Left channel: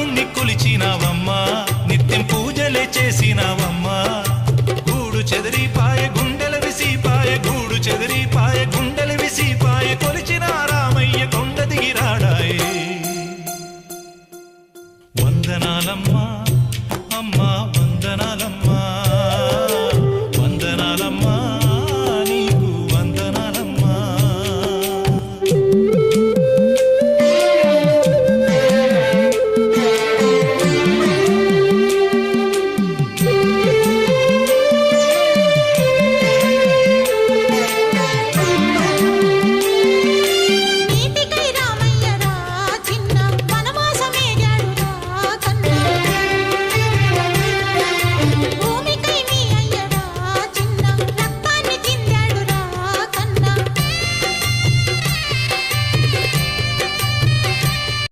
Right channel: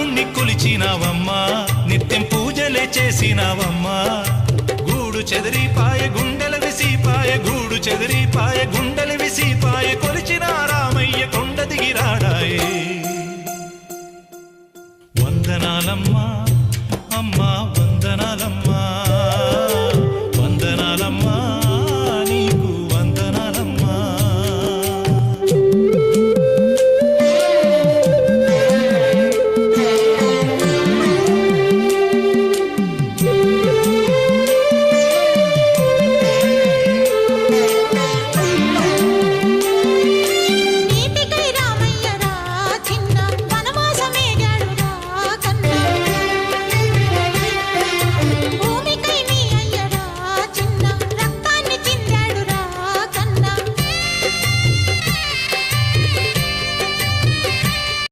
రాముణ్ణి కొలిచినావమ్మా నిత్యం పూజలే చేసినావమ్మా గూడు చెదిరిపాయ గుండెల విసిపాయ గూడు చెదిరిపాయ గుండెల విసిపాయ కొలిచిన రామయ్య కొండ దిగిరాడాయే వందనాలమ్మా అమ్మా వందనాలమ్మా